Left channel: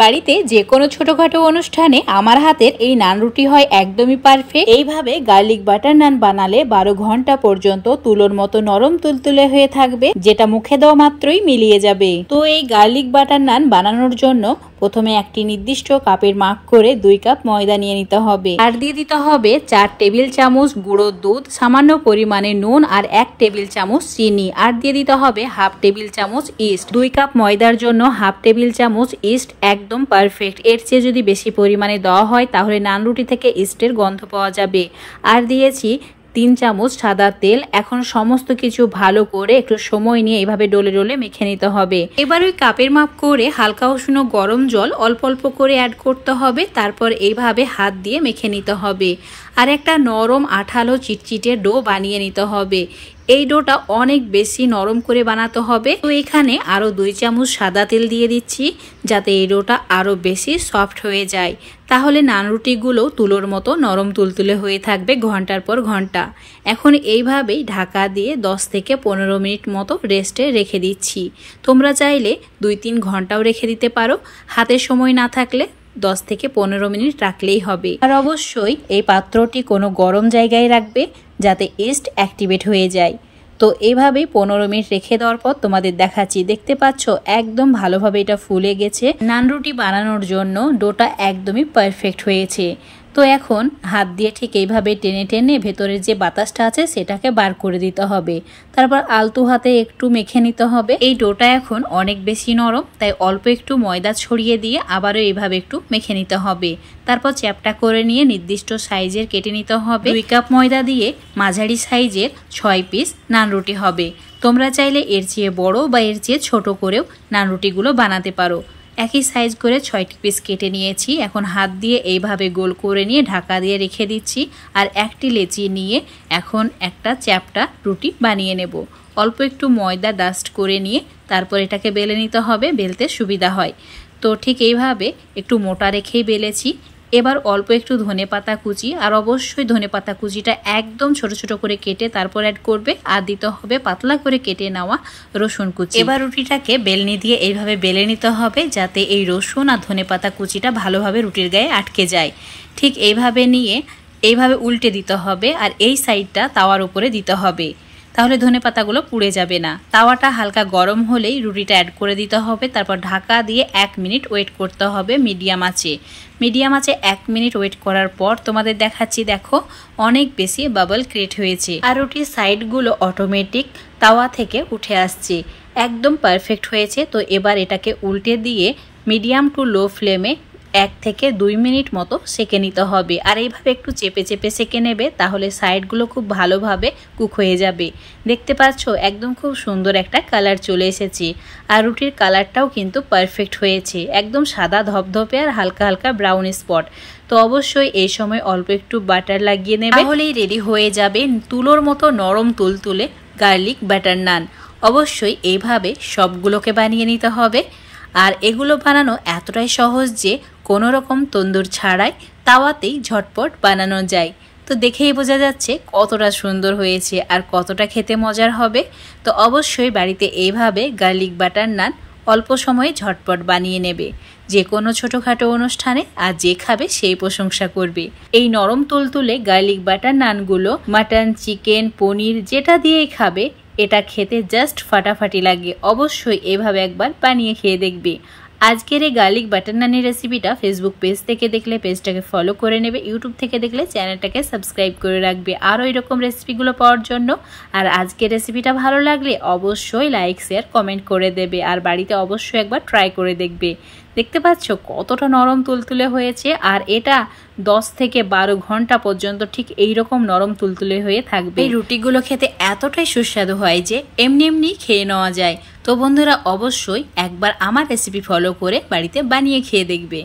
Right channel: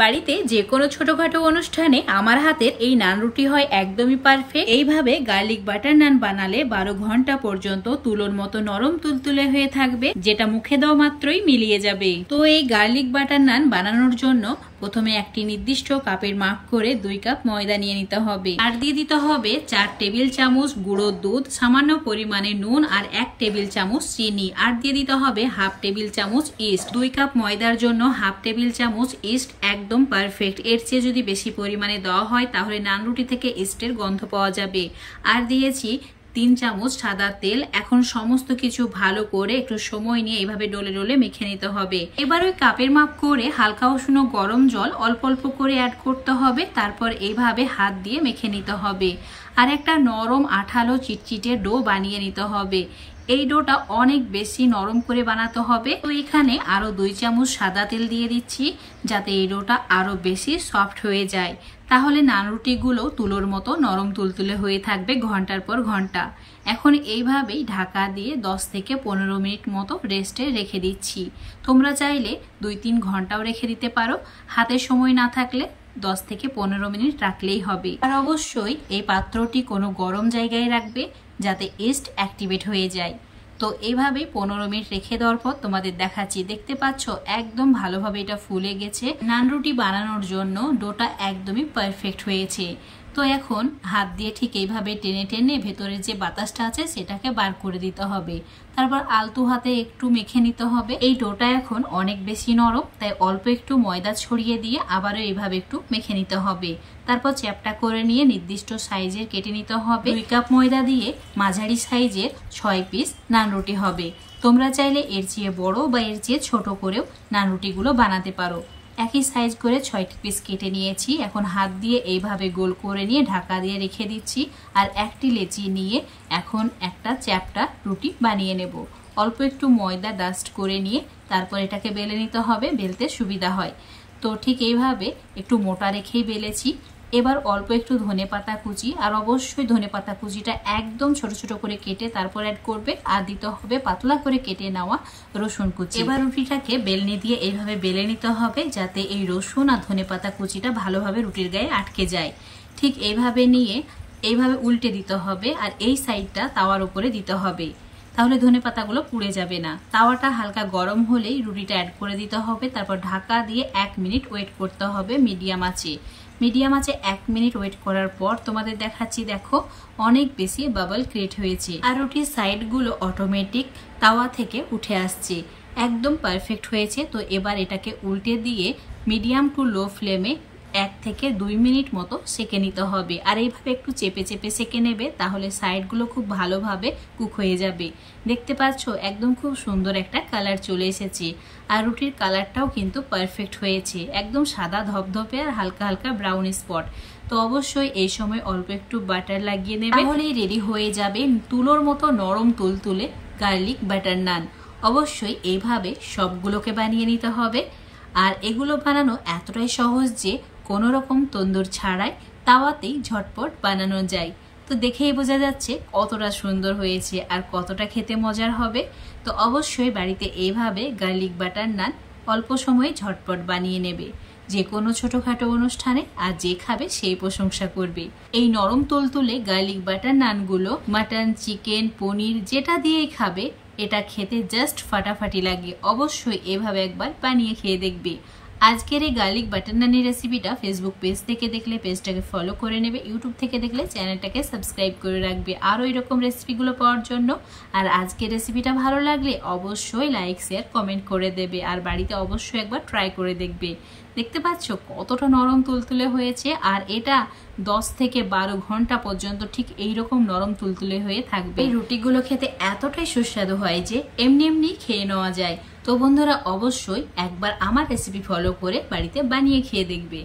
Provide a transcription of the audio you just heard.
বাড়িতে যে কোনো ছোটখাটো অনুষ্ঠানে আমার হাতের এই নান রুটি হয় একদমই পারফেক্ট। এইভাবে গার্লিক বাটার নান বানালে 12 ঘন্টা পর্যন্ত তুলোর মতো নরম তুলতুলে হয়ে থাকবে, যেটা মুখে দেওয়া মাত্রই মিলিয়ে যাবে। তো এই গার্লিক বাটার নান বানানোর জন্য প্রথমে একটি নির্দিষ্ট কাপের মাপ করে 2 কাপ ময়দা নিয়ে নিতে হবে। আর দিয়ে দিতে হবে 4 টেবিল চামচ গুঁড়ো দুধ, সামান্য পরিমাণে নুন আর 1 টেবিল চামচ চিনি। আর দিয়ে দিতে হবে হাফ টেবিল চামচ ইস্ট। 2 কাপ ময়দার জন্য হাফ টেবিল চামচ ইস্ট একদম পারফেক্ট। এর চেয়ে যদি বেশি পরিমাণে দেওয়া হয় তাহলে নান রুটি থেকে ইস্টের গন্ধ পাওয়া যাবে। আর দিয়েছি 3 চামচ সাদা তেল। এখন সমস্ত কিছু ভালো করে একটু সময় নিয়ে এভাবে ডলে ডলে মেখে নিতে হবে। এবার ওই কাপের মাপ করে হালকা উষ্ণ গরম জল অল্প অল্প করে অ্যাড করতে হবে। তারপর এইভাবে হাত দিয়ে মেখে নিতে হবে আর একটা নরম আঠালো চিটচিটে ডো বানিয়ে নিতে হবে। এই ডোটা অনেক বেশি নরম করে বানাতে হবে। তো এখানে আরো 2 চামচ সাদা তেল দিয়ে দিচ্ছি যাতে এই ডোটা আরো বেশি সফট হয়ে যায়। তাহলে নান রুটিগুলো তুলোর মতো নরম তুলতুলে হয়ে থাকবে ঘন্টার পর ঘন্টা। এখন এইভাবেই ঢাকা দিয়ে 10 থেকে 15 মিনিট মতো রেস্টে রেখে দিচ্ছি। তোমরা চাইলে 2-3 ঘন্টাও রেখে দিতে পারো। হাতে সময় না থাকলে 10 থেকে 15 মিনিট রাখলেই হবে। আর অবশ্যই এই পাত্রটি কোনো গরম জায়গায় রাখবে যাতে ইস্ট অ্যাক্টিভেট হয়ে যায়। তো এইভাবেই 15 মিনিট রেখে দেওয়ার পর তোমাদের দেখাচ্ছি। দেখতে পাচ্ছ একদম ভালোভাবে এটা ফুলে গেছে। নান রুটি বানানোর জন্য ডোটা একদমই পারফেক্ট হয়েছে। তো এখন হাত দিয়ে ঠিক এইভাবে টেনে টেনে ভেতরের যে বাতাসটা আছে সেটাকে বার করে দিতে হবে। তারপর আলতু হাতে একটু মেখে নিতে হবে। এই ডোটা এখন অনেক বেশি নরম, তাই অল্প একটু ময়দা ছড়িয়ে দিয়ে আবারও এইভাবে একটু মেখে নিতে হবে। তারপর চ্যাপটা করে নিয়ে নির্দিষ্ট সাইজের কেটে নিতে হবে। 2 কাপ ময়দা দিয়ে মাঝারি সাইজের 6 পিস নান রুটি হবে। তোমরা চাইলে এর চেয়ে বড় বা এর চেয়ে ছোট করেও নান রুটিগুলো বানাতে পারো। একই সাইজ করে 6টি পিস কেটে নিয়েছি। এখন হাত দিয়ে এইভাবে গোল করে নিয়ে ঢাকা দিয়ে রেখে দিচ্ছি। আর একটি লেচি নিয়ে এখন একটা চ্যাপটা রুটি বানিয়ে নেব। অল্প একটু ময়দা ডাস্ট করে নিয়ে তারপর এটাকে বেলে নিতে হবে, বেলতে সুবিধা হয়। তো ঠিক এইভাবে একটু মোটা রেখেই বেলেছি। এবার অল্প একটু ধনেপাতা কুচি, আর অবশ্যই ধনেপাতা কুচিটা একদম ছোট ছোট করে কেটে তারপর অ্যাড করবে। আর দিতে হবে পাতলা করে কেটে নেওয়া রসুন কুচি। এবার রুটিটাকে বেলনি দিয়ে এইভাবে বেলে নিতে হবে যাতে এই রসুন আর ধনেপাতা কুচিটা ভালোভাবে রুটির গায়ে আটকে যায়। ঠিক এইভাবে নিয়ে এইভাবে উল্টে দিতে হবে আর এই সাইডটা তাওয়ার উপরে দিতে হবে, তাহলে ধনেপাতাগুলো পুড়ে যাবে না। তাওয়াটা হালকা গরম হলেই রুটিটা অ্যাড করে দিতে হবে। তারপর ঢাকা দিয়ে 1 মিনিট ওয়েট করতে হবে মিডিয়াম আঁচে। মিডিয়াম আঁচে 1 মিনিট ওয়েট করার পর তোমাদের দেখাচ্ছি। দেখো অনেক বেশি বাবল ক্রিয়েট হয়েছে আর রুটির সাইডগুলো অটোমেটিক তাওয়া থেকে উঠে আসছে, একদম পারফেক্ট হয়েছে। তো এবার এটাকে উল্টে দিয়ে মিডিয়াম টু লো ফ্লেমে 1 থেকে 2 মিনিট মতো সেকে নিতে হবে। আর এইভাবে একটু চেপে চেপে সেকে নেবে, তাহলে সাইডগুলো খুব ভালোভাবে কুক হয়ে যাবে। দেখতে পাচ্ছ একদম খুব সুন্দর একটা কালার চলে এসেছে। আর রুটির কালারটাও কিন্তু পারফেক্ট হয়েছে, একদম সাদা ধপধপে আর হালকা হালকা ব্রাউন স্পট। তো অবশ্যই এই সময় অল্প একটু বাটার লাগিয়ে নেবে, তাহলেই রেডি হয়ে যাবে তুলোর মতো নরম তুলতুলে গার্লিক বাটার নান। অবশ্যই এইভাবে সবগুলোকে বানিয়ে নিতে হবে। আর এগুলো বানানো এতটাই সহজ যে কোনো রকম তন্দুর ছাড়াই তাওয়াতেই ঝটপট বানানো যায়। তো দেখেই বোঝা যাচ্ছে কতটা সুন্দর হয়েছে আর কতটা খেতে মজার হবে। তো অবশ্যই বাড়িতে এইভাবে গার্লিক বাটার নান অল্প সময়ে ঝটপট বানিয়ে নেবে যে কোনো ছোটোখাটো অনুষ্ঠানে, আর যে খাবে সেই প্রশংসা করবে। এই নরম তুলতুলে গার্লিক বাটার নানগুলো মাটন, চিকেন, পনির যেটা দিয়েই খাবে এটা খেতে জাস্ট ফাটাফাটি লাগে। অবশ্যই এভাবে একবার বানিয়ে খেয়ে দেখবে। আজকের এই গার্লিক বাটার নানের রেসিপিটা ফেসবুক পেজ থেকে দেখলে পেজটাকে ফলো করে নেবে, ইউটিউব থেকে দেখলে চ্যানেলটাকে সাবস্ক্রাইব করে রাখবে আরও এরকম রেসিপিগুলো পাওয়ার জন্য। আর আজকের রেসিপিটা ভালো লাগলে অবশ্যই লাইক, শেয়ার, কমেন্ট করে দেবে আর বাড়িতে অবশ্যই একবার ট্রাই করে দেখবে। দেখতে পাচ্ছ কতটা নরম তুলতুলে হয়েছে আর এটা 10 থেকে 12 ঘন্টা পর্যন্ত ঠিক এইরকম নরম তুলতুলে হয়ে থাকবে। এই রুটিগুলো খেতে এতটাই সুস্বাদু হয় যে এমনি এমনি খেয়ে নেওয়া যায়। তো বন্ধুরা অবশ্যই একবার আমার রেসিপি ফলো করে বাড়িতে বানিয়ে খেয়ে দেখবে।